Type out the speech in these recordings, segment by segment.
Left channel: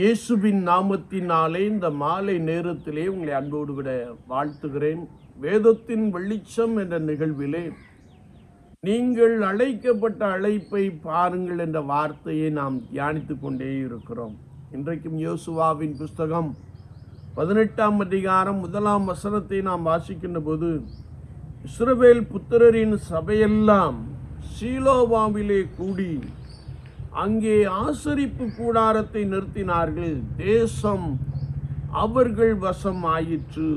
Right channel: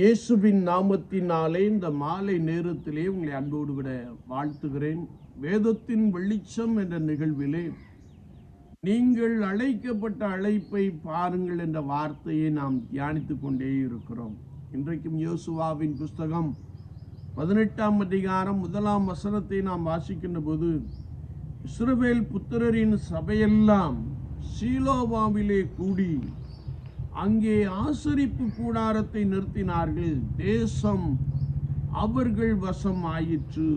இயேசுவின் நாமத்தினாலே இந்த மாலை நேரத்திலே உங்களை அன்போடு விட வாழ்த்துகிறேன். வேதத்தின் வெளிச்சம் என்ற நிகழ்விலே நீங்கள் அழைக்கப்பட்ட அழைப்பை பாருங்கள் என்ற வார்த்தையை நாம் தியானித்து கொண்டே இருக்கிறோம். இன்றைக்கும் யோசுவாவின் புஸ்தகம் பதினெட்டாம் அதிகாரம் முதலாம் வசனத்தை நாம் வாசிக்கின்ற போது இஸ்ரவேல் புத்திரரின் சபையெல்லாம் சீலோவாவிலே கூடி அங்கே ஆசரிப்பு கூடாரத்தை நிறுத்தினார்கள். தேசம் அவர்கள் வசம் ஆயிற்று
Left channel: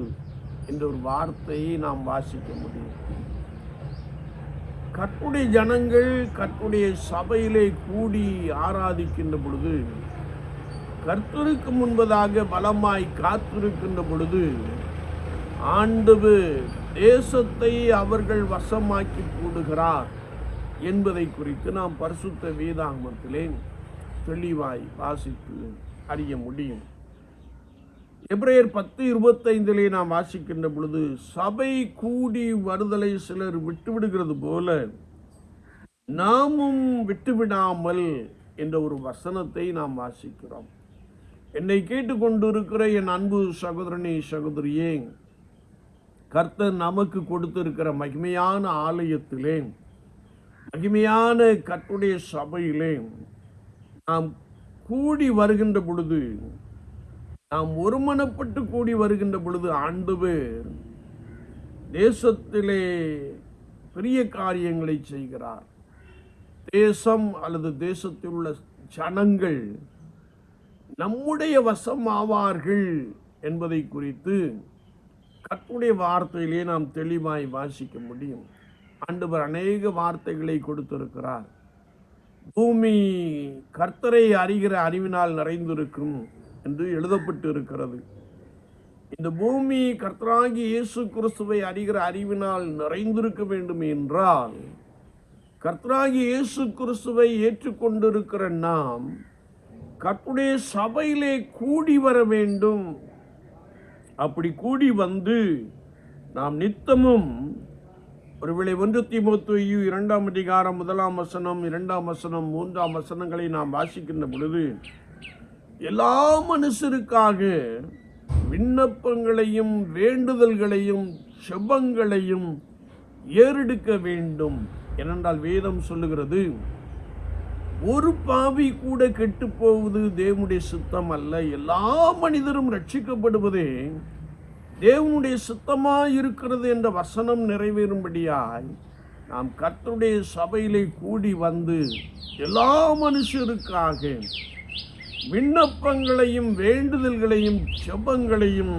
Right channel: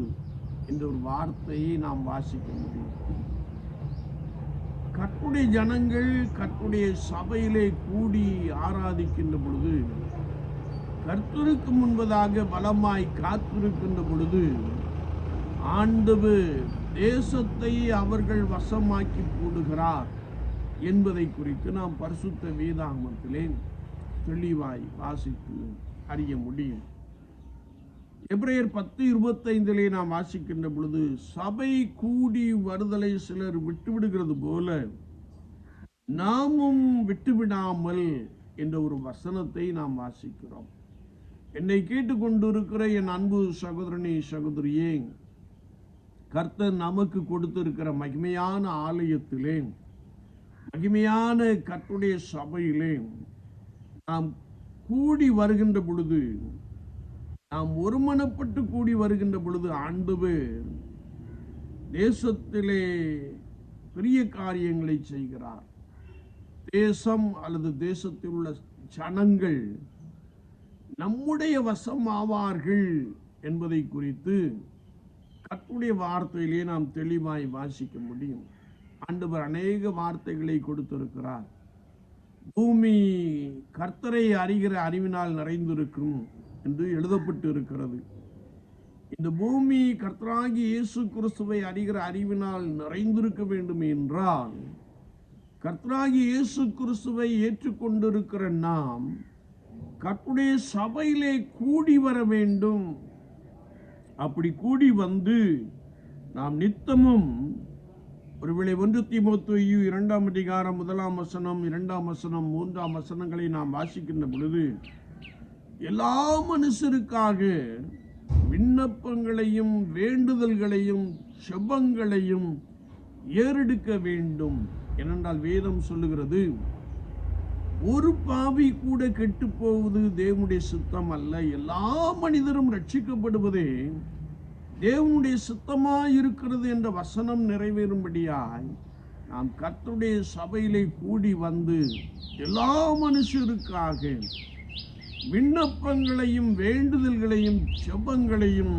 என்ற ஒரு வார்த்தையை நாம் வாசிக்க முடியும். கற்புடைய ஜனங்கள் கற்புடைய சபையிலே கூடி ஆராதிக்கின்ற பொழுது கர்த்தருக்கு முன்பதாக பலமாய் காத்திருக்கின்ற பொழுது ஆண்டவு தேசத்தை அவர்கள் வசமாக்கி கூடுகிறார். என்பதை குறித்து நாம் பரிசுத்த வேதாகமத்திலே தெளிவாய் வாசித்து அறிய முடியும். எப்ரேயர் பத்து இருபத்தைந்திலே நாம் வாசிக்கின்ற பொழுது சபை கூடி வருதலை சிலர் விட்டுவிடுகிறது போல நாமும் விட்டுவிடாமல் என்ற ஒரு வசனத்தை நாம் வாசிக்கிறோம். என்னை கேட்டுக்கொண்டிருக்கிற என் அன்பு சகோதரனே சகோதரியே கர்த்தர் நமக்கு கொடுத்திருக்கிற மகிமையான ஆலயத்திலே மகிமையான கர்த்தருடைய சபையிலே நாம் கூடி வருகின்ற பொழுது நாம் ஒருமனப்பட்டு கூடி வருகின்ற பொழுது ஆண்டவர் தேசத்திலே பெரிய காரியங்களை செய்கிறார். தேசம் அல்லது தேசத்தில் உள்ள ஜனங்கள் நம்முடைய வசம் ஆவார்கள் என்பதை குறித்து கர்த்தருடைய வார்த்தையிலே நாம் தெளிவாய் வாசிக்க முடியும். ஆண்டவர் அநேக வார்த்தைகளை கொடுத்திருக்கிறார். பூமி கர்த்தரை அறிகிற அறிவினால் நிறைந்திருக்கும் என்று எழுதப்பட்டு இருக்கிறது இந்த பூமி கர்த்தராகி இயேசு கிறிஸ்துவை அறிகிற அறிவினால் நிறைந்திருக்க வேண்டும் என்றால் கர்த்தராகி இயேசு கிறிஸ்துவை ஏற்றுக்கொண்டிருக்கிற நாம் கர்த்துடைய சபையிலே கூடி வர வேண்டும். அப்படி கூடி வந்து நாம் நித்தமும் ஒருவேளை ஒன்று திமுத்தையு இரண்டாம் அதிகாரம் முதலாம் வசனம் இரண்டாம் வசனம் மூன்றாம் வசனங்களை நாம் வாசிக்கின்ற பொழுது எல்லா மனுஷருக்காக விண்ணப்பங்களையும் வேண்டுதல்களையும் செபங்களையும் ஏறெடுக்க வேண்டும். ஏனென்றால் வேதம் சொல்லுகிறது ஒரு பாவி கூட கெட்டு போவது தேவனுடைய சுத்தம் அல்ல. எல்லா மனிதரும் ரட்சிக்கப்படுவதே தேவனுடைய சுத்தமாக இருக்கிறது என்ற வசனம் நிறைவேறும்படியாய் நாம் கர்த்தருடைய சபையிலே கூடி வந்து எல்லா மனுஷருக்காக விண்ணப்பங்களையும் வேண்டுதல்களையும் செபங்களையும்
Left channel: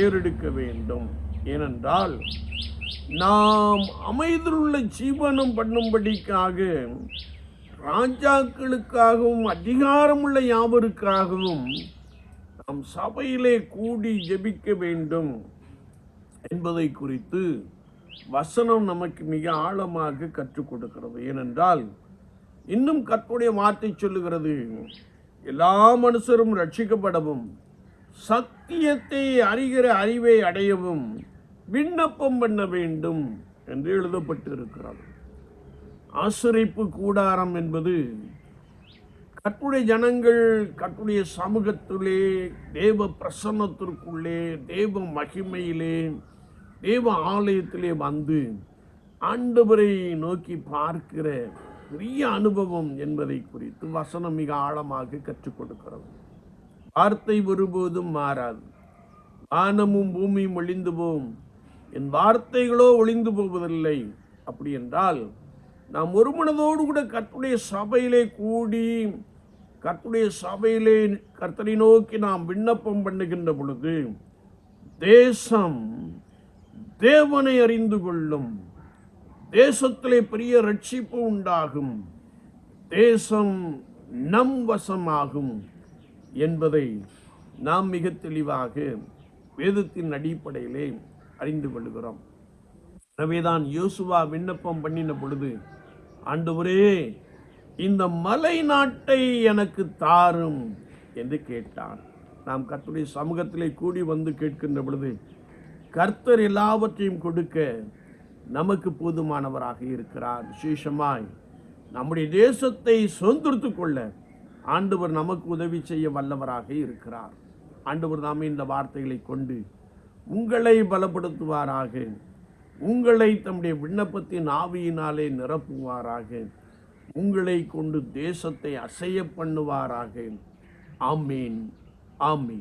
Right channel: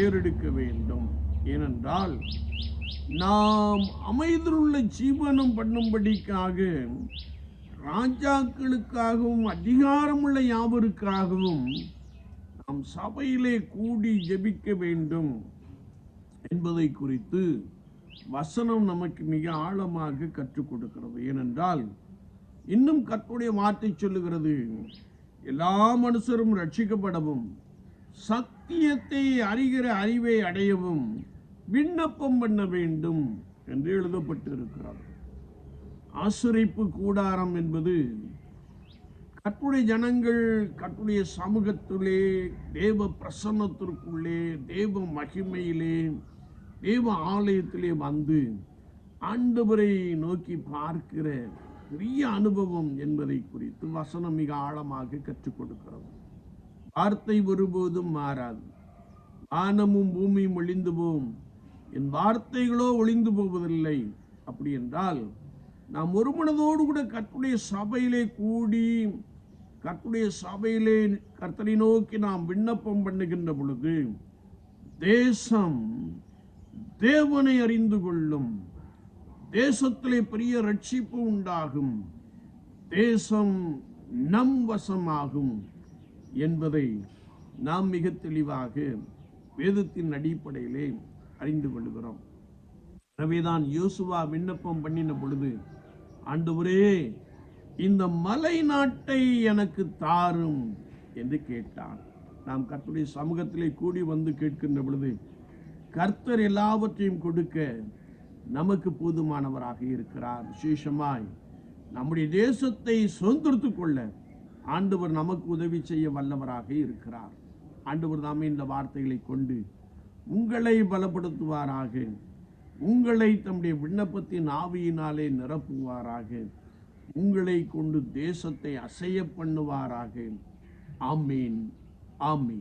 ஏறெடுக்க வேண்டும். ஏனென்றால் நாம் அமைதியுள்ள ஜீவனம் பண்ணும்படிக்காக ராஜாக்களுக்காகவும் அதிகாரமுள்ள யாவருக்காகவும் நம் சபையிலே கூடி ஜெபிக்க வேண்டும் என்பதை குறித்து வசனம் நமக்கு மிக ஆழமாக கற்றுக் கொடுக்கிறது. ஏனென்றால் இன்னும் கற்புடைய வார்த்தை சொல்லுகிறது எல்லா மனுஷரும் ரட்சிக்கப்படவும் சத்தியத்தை அறிகிற அறிவை அடையவும் விண்ணப்பம் பண்ண வேண்டும் என்று எழுதப்பட்டு இருக்கிறது ஆசிரிப்பு கூடாரம் என்பது கட்டுடைய ஜனங்கள் கட்டுடைய சமூகத்திலே தேவ பிரசன்னத்திற்குள்ளே தேவ மகிமையிலே தேவ ஆலயத்திலே வந்து ஆண்டவரை நோக்கி பார்க்கிற பெரிய அனுபவம் என்பதை குறித்து வசனம் மிக ஆழமாக கற்றுக் கொடுக்கிறது வார்த்தை ஒருபோதும் மாறாது. வானமும் பூமியும் ஒளிந்து போகும் என் வார்த்தைகளோ ஒளிந்து போவதில்லை. அப்படி என்றால் நாம் ஒரு மனதோடு கூட கர்த்துடைய சபையிலே கூடி கர்த்துடைய சபையிலே கர்த்தரை நோக்கி நாம் விண்ணப்பம் பண்ணுகின்ற பொழுது தேசம் தேவனை அறிந்து கொள்ளும் தேசத்திலே பெரிய ரட்சிப்பு உண்டாகும் தேசம் நம் வசமாகும் என்பதை நாம் மிக தெளிவாக வேதத்தின் அடிப்படையிலே அறிந்து கொள்கிறோம். எனவேதான் யோசுவா விண்ணப்பம் பண்ணின பொழுது ஆண்டவரே இந்த மலை நாட்டை எனக்கு தாரும் என்று கேட்டான். நாம் கர்த்தருடைய சமூகத்திலே கூடி வந்து கேட்கின்ற பொழுது கர்த்தர் எல்லாவற்றையும் கொடுக்க நமக்கு போதுமானவராக இருக்கிறார். விசேஷமாய் நம்முடைய தேசத்தை சுதந்திரத்து கொள்ள ஆண்டவர் நமக்கு உதவி செய்ய வல்லவராக இருக்கிறார். ஆண்டவர் நாம் இந்த வார்த்தைகளை கொண்டு உங்களை பலப்படுத்துவாராக. உங்களை தம்முடைய விண்ணப்பத்தின் ஆவியினாலே நிரப்புவாராக. உங்களை கொண்டு தேசத்தை அசைய பண்ணுவாராக. ஆமீன். ஆமீன்.